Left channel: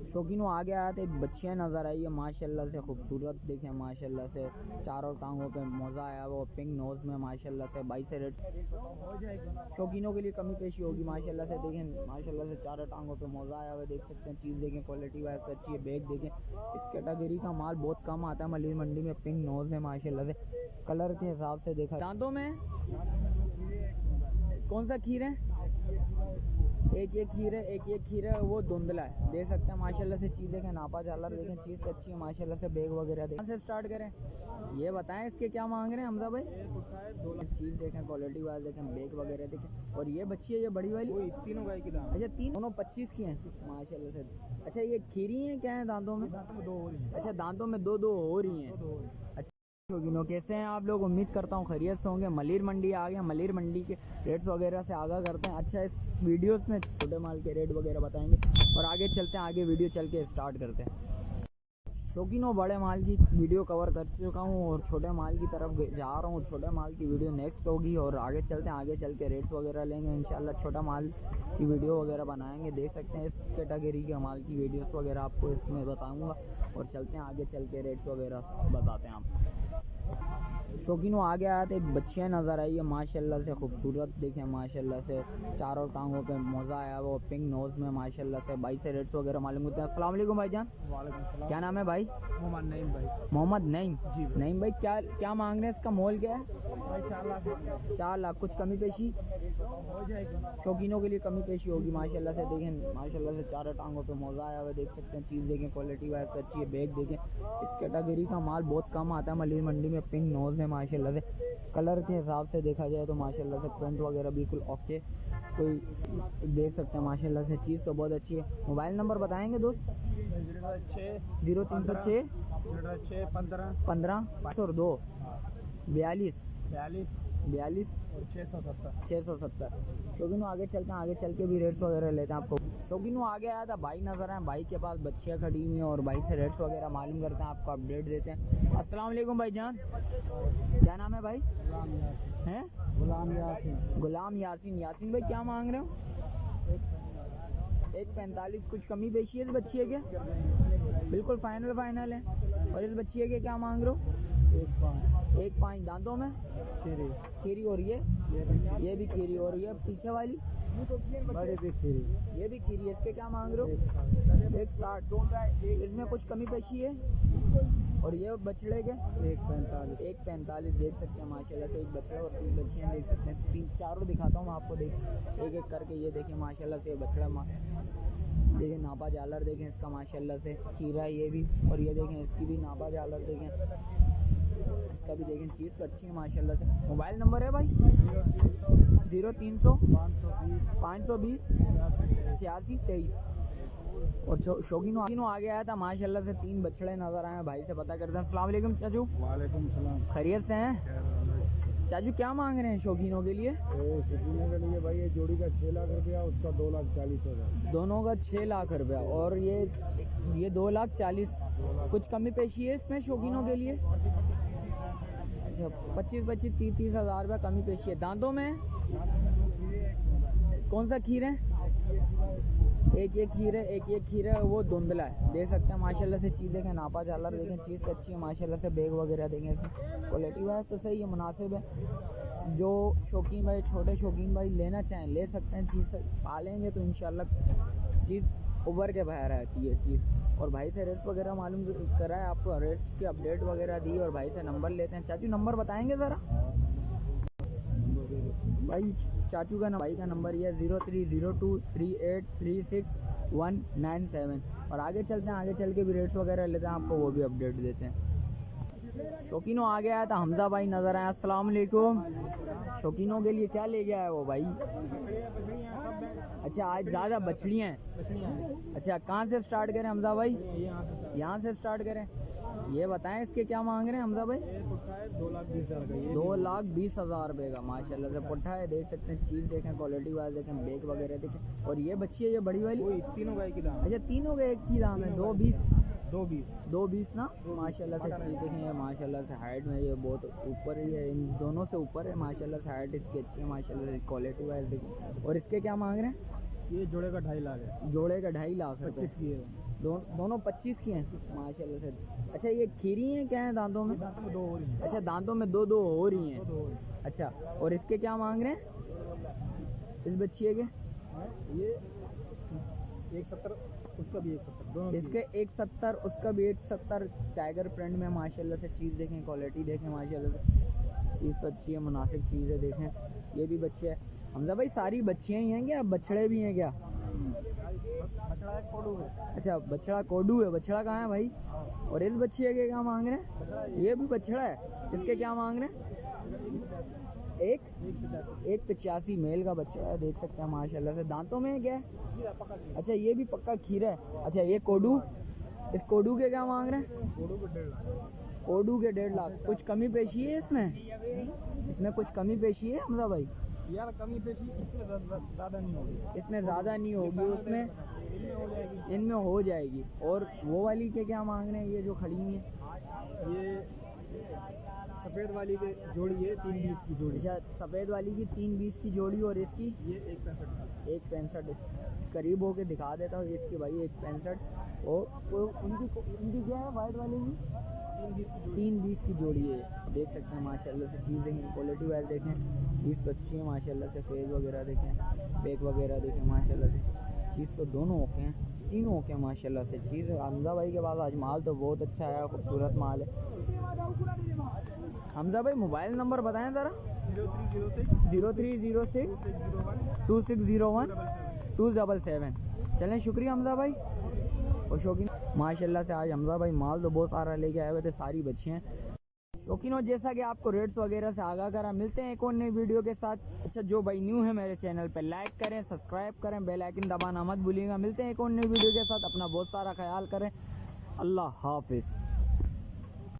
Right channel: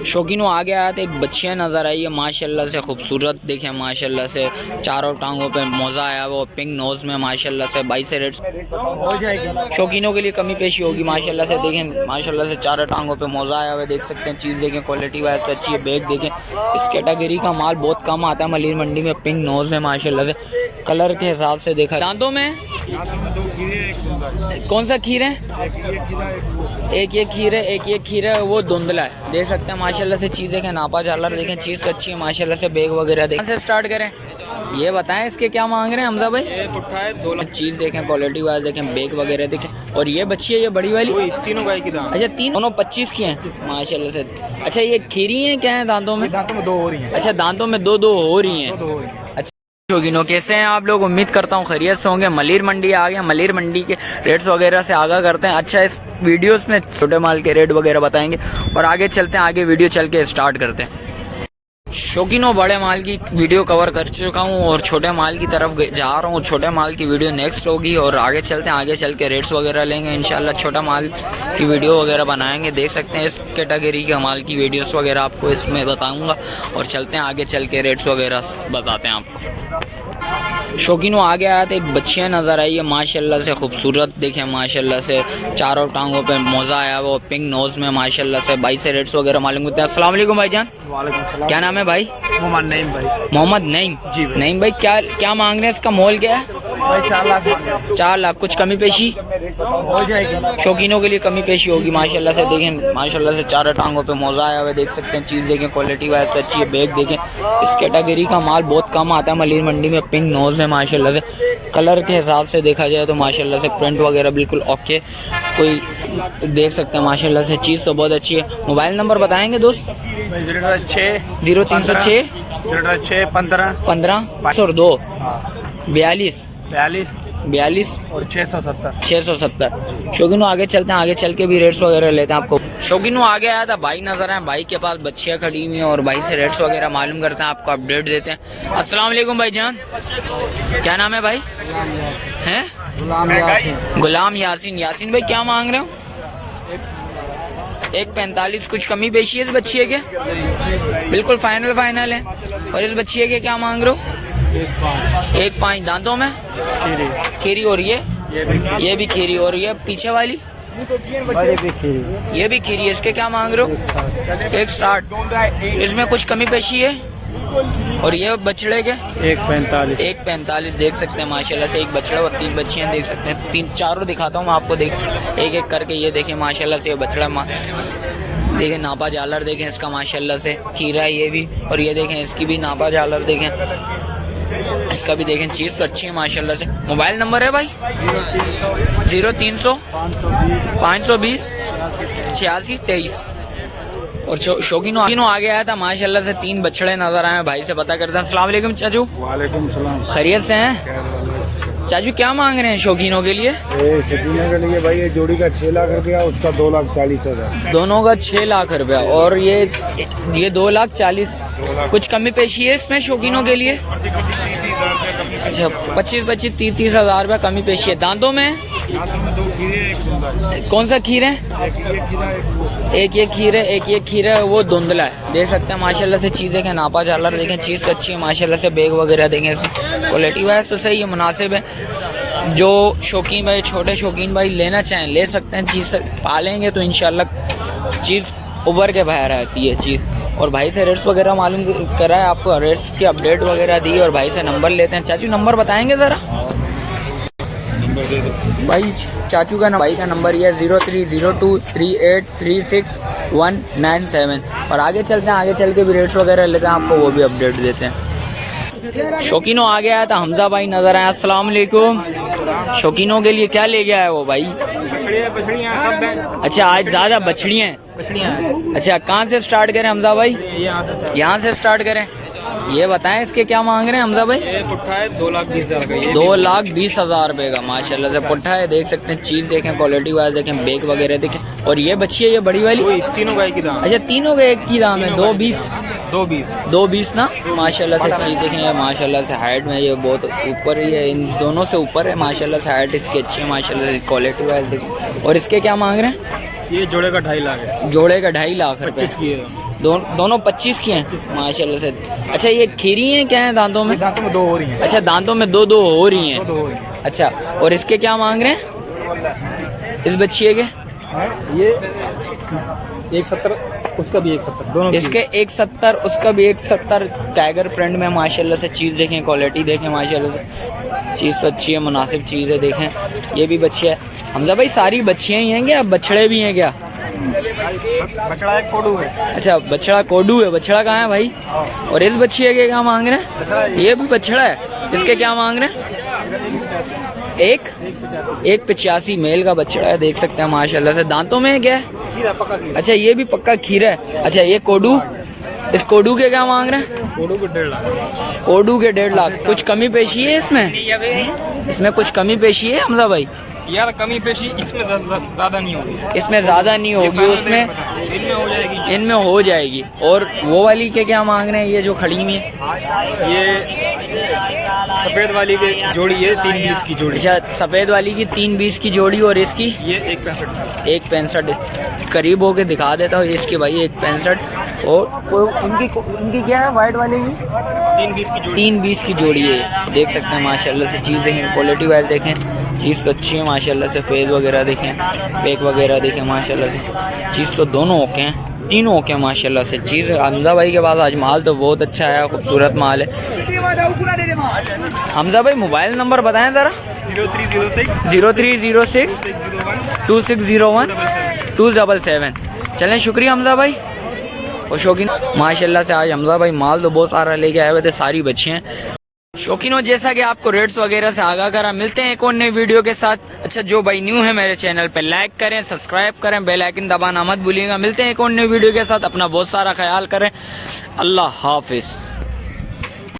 शौकीनों आगे आया तो एक बच्चियाँ नज़र आई है माशाल्लाह से खूबसूरत, देखें माशाल्लाह से चारों टांगों पे मोज़ा आया वो पिंक नोज़ में माशाल्लाह से 22 से रेट हो जाएगी। शौकीनों के लिए कमी पेशी होगी माशाल्लाह से, देखें माशाल्लाह से चारों टांगों पे मोज़ा आया हुआ देख सकते हैं। चीज़ देखें क्वालिटी वाइज तो अच्छी है। बैग देखें, इस कैटेगरी का माल बहुत कम आता है मलिर मंडी में। पिंक नोज़ है माशाल्लाह से, कलर के हिसाब से देखा। दांतों में कौन सा खीर है? एक ये खीर है, एक ये खीर है, वो धुंधला है देख सकते हैं माशाल्लाह से। चीज़ देखें, नापा झालर देखें, चीज़ अच्छी है माशाल्लाह से। बैग वगैरह देखें से स्टार्ट करें, ये बताएं इसके क्या मांग रहे हैं हमजा भाई? ये पुट्ठा है 2 लाख। चीज़ देखें क्वालिटी वाइज देखें, बैग वगैरह देखें। और ये बच्ची है, ये बड़ी वाली तीनों गाय की दाम। अच्छा तीन, दोनों 25 की हैं माशाल्लाह से। अच्छा ये खीरी हैं क्या है दांतों में? दांतों में 2 हो रही हैं। अच्छा दांतों में दो हो रही हैं। शौकीनों कैसे हैं आप लोग? उम्मीद करता हूँ खैरियत से होंगे। मलिर मंडी आ गए, मलिर मंडी के रेट्स वगैरह से आगाह करते हैं। अच्छा इस वीडियोस में छोटे माल के रेट वगैरह बताएंगे और आगे चलते हैं, आगे वीडियो चल के स्टार्ट करते हैं। शौकीनों बड़े माल की वीडियो कवर कर चुका हूँ और छोटे माल की तरफ जा रहा हूँ। छोटे माल की वीडियो नेक्स्ट होगी और आगे चलते हैं, आगे चल के रेट्स वगैरह लेंगे इंशाल्लाह। छोटा माल की वीडियो वगैरह बनाएंगे, देख सकते हैं इस कैटेगरी के माल की वीडियोस वगैरह आपको इसमें बताऊँगा और चलते हैं आगे चल के रेट्स वगैरह बताते हैं आपको। शौकीनों आगे आया तो एक बच्चियाँ नज़र आई है माशाल्लाह से खूबसूरत, देखें माशाल्लाह से चारों टांगों पे मोज़ा आया वो पिंक नोज़ में माशाल्लाह से। 22 से रेट्स वगैरह मालूम होते हैं। अस्सलाम वालेकुम भाईजान। वालेकुम सलाम। क्या नाम है भाई? मोहम्मद नईम भाई। मोहम्मद नईम जी भाई। नईम भाई, क्या मांग रहे हैं? इसका मोल क्या है? भाई 4 लाख मांग रहे हैं। 4 लाख। कुछ कमी पेशी हो जाएगी। शौकीनों के लिए कमी पेशी होगी माशाल्लाह से। देखें माशाल्लाह से चारों टांगों पे मोज़ा आया हुआ देख सकते हैं। चीज़ देखें क्वालिटी वाइज तो अच्छी है। बैग देखें, इस कैटेगरी का माल बहुत कम आता है मलिर मंडी में। पिंक नोज़ है माशाल्लाह से, कलर के हिसाब से देखा जाए तो माशाल्लाह से प्रिंट वगैरह बिल्कुल ओके, कोई देख सकते हैं माशाल्लाह से। चीज़ तो बहुत अच्छी है। मोबाइल नंबर बताएंगे दोस्त? 0306 15 502 42 42 और 670। 670। शौकीनों आगे चलते हैं, आगे चल के भी रेट्स वगैरह लेते हैं आपको। शौकीनों आगे आया था भाई नजर आए, भाई के पास बच्चियाँ खड़ी हुई हैं और भाई से रेट्स वगैरह मालूम करते हैं, आपको अपडेट देते हैं। अस्सलाम वालेकुम भाईजान, क्या नाम है भाई? हैं गुलाम यासीन। यासीन भाई क्या मांग रहे हो? 1.45। कुछ कमी पेशी है इस बच्चिए के? बिल्कुल फाइनल है। और इस बच्चिए के क्या मांग रहे हो? 1.5। दांतों में खीरी हो रही है, ये भी खीरी हो रही है। पीछे वाली ये भी खीरी है। इसके क्या मांग रहे हो? 1.60। इसमें कुछ कमी पेशी है? और ये बछड़े के 1.45 देख सकते हैं माशाल्लाह से। एक बछड़ा और 3 बच्चियां देख सकते हैं। 3-4 दिखाता हूँ मैं आपको, देख एक एक करके। ये देखें माशाल्लाह से, ये बछड़ा देखें, नापा झालर देखें इसका माशाल्लाह से। खीरा है ये भी, और ये देखें इसकी भी नापा झालर देखें, इसका भी देखें। चीज़ तो अच्छी है माशाल्लाह से। मोबाइल नंबर है भाई? 0300 520 86 23। और शौकीनों आगे आया था माशाल्लाह से। 3 बछड़े नजर आए, भाई से पता करते हैं। अस्सलाम वालेकुम चाचू। वालेकुम सलाम। खैरियत से हैं चाचू? क्या मांग रहे हैं शौकीनों के लिए? शौकीनों के लिए भाई ये जोड़ी का 6 लाख रुपया, उसका 2,40,000। दोनों का 6 लाख रुपया और ये 2,40,000। कुछ कमी पेशी है इसमें शौकीनों के लिए? अच्छा 25 30 हज़ार रुपया कमी पेशी है। दांतों में कौन सा खीर है? एक ये खीर है, एक ये खीर है, वो धुंधला है देख सकते हैं माशाल्लाह से। चीज़ देखें, नापा झालर देखें, चीज़ तो अच्छी है माशाल्लाह से। बैग वगैरह देखें, इसमें क्वालिटी वाइज तो सही है, मुनासिब है। जो शौकीन भाई, छोटे शौकीन भाई लेना चाहें ले सकते हैं। चीज़ पालेंगे तो इंशाल्लाह चीज़ उभर के बाहर आती है चीज़। और भाई से रेट्स वगैरह मालूम करा है आपको, रेट्स की अपडेट वगैरह दी और भाई से नंबर लेते हैं। चाचू नंबर बताएंगे ज़रा? भाई चाचू का भाई का नंबर ये 03023836 और आगे चलते हैं, आगे चल के भी रेट्स वगैरह लेते हैं, आपको वो भी अपडेट देते हैं। शौकीनों आगे आया था हमजा भाई नजर आया। अस्सलाम वालेकुम। शौकीनों के लिए क्या ले गया है वो भाई? अच्छा आज ज़्यादा बछड़ियाँ हैं। अच्छा कहाँ से स्टार्ट करें हमजा भाई? यहाँ से स्टार्ट करें। ये बताएं इसके क्या मांग रहे हैं हमजा भाई? पुट्ठा है 2,20,000 का। 2,20,000 रुपए का माशाल्लाह से पुट्ठा है देख सकते हैं। चीज़ देखें, क्वालिटी वाइज देखें, बैग वगैरह देखें। और ये बच्ची है, ये बड़ी वाली? तीनों गाय की दाम। अच्छा तीनों का एक की दाम है? 2,20 2,20 ना माशाल्लाह से। चीज़ देखें ये माशाल्लाह से हाइट में ये बहुत ऊपर ही है, इन दोनों से ऊपर है माशाल्लाह से। हाइट इसकी अच्छी है माशाल्लाह से, क्वालिटी वाइज देखें। और इसके क्या मांग रहे हैं? ये जोड़े का 2.5 लाख है। जोड़े का 2.5 लाख रुपए। दोनों 25 की हैं माशाल्लाह से। अच्छा ये खीरी हैं क्या है दांतों में? दांतों में 2 हो रही हैं। अच्छा दांतों में दो दो हो रही हैं। 2 हो रही हैं। अच्छा और इसके क्या मांग रहे हैं इस बच्चिए के? ये 170 उसका भी 170 दोनों इसके 170 उसका भी 170। टाइगर प्रिंट में माशाल्लाह से चीज़ देखें, क्वालिटी देखें माशाल्लाह से, चीज़ तो अच्छी है, मुनासिब चीज़ है। देखें ये भी बच्ची है। हमजा भाई सारी बच्चियाँ ही हैं क्या, बछड़े भी हैं क्या? बछड़ा एक कोडू है। अच्छा बछड़ा कोडू है। बछड़ा कहाँ है भाई? और इस बच्चिए के क्या मांग रहे हैं? ये भी बछड़ा है, इसके क्या मांग रहे हैं? एक 185 मेल का बछड़ा है, देख सकते हैं माशाल्लाह से। दांतों में क्या है? अच्छा ये भी पक्का खीरा है। अच्छा ये कोडू, इस कोडू के क्या मांग रहे हैं? कोडू के 1.5 लाख। कोडू के 1.5 लाख। कुछ कमी पेशी है इसमें? इसमें कुछ कमी पेशी है हमजा भाई? यार कमी पेशी इसमें ज्यादा नहीं होगी। इसमें ज्यादा नहीं होगी, उसमें इनमें हो जाएगी। इनमें हो जाएगी। और वो वाली के क्या मांग रहे हैं ये जो खड़ी हुई है? ये सफेद वाली की जोड़ी है 320 की जोड़ी। अच्छा सफेद वाली की 320 की जोड़ी। और इसकी ये 165। 165। करीब होके दिखा देता हूँ इसकी भाई 165। और इनकी क्या है वाइट वाले की? 320 की जोड़ी। 320 की जोड़ी है, देख सकते हैं माशाल्लाह से। चीज़ देखें, क्वालिटी वाइज देखें, चीज़ तो अच्छी है माशाल्लाह से। फेस वगैरह देखें, बैक वगैरह देखें माशाल्लाह से। चीज़ तो दोनों ओके हैं, तीनों ओके हैं माशाल्लाह से। चीज़ हमजा भाई के पास आज माल तो बहुत अच्छा है, खूबसूरत माल है। हमजा भाई मोबाइल नंबर बताएं ज़रा। 0306 2601 277। चलें शुक्रिया हमजा भाई। और शौकीन माशाल्लाह से आज हमजा भाई माल तो बहुत सारा लेके आए हुए थे, सारी बच्ची हैं। शौकीनों जैसा कि आपको रेट्स वगैरह से आगाह करा, मिलते हैं एक और नई वीडियो के साथ। अच्छा जो भाई न्यू है मेरे चैनल पे लाइक करें, सब्सक्राइब करें, बेल आइकन दबाना मत भूलिएगा। मिलते हैं एक और नई वीडियो के साथ, अपना बहुत सारा ख्याल करें। अल्लाह हाफिज़।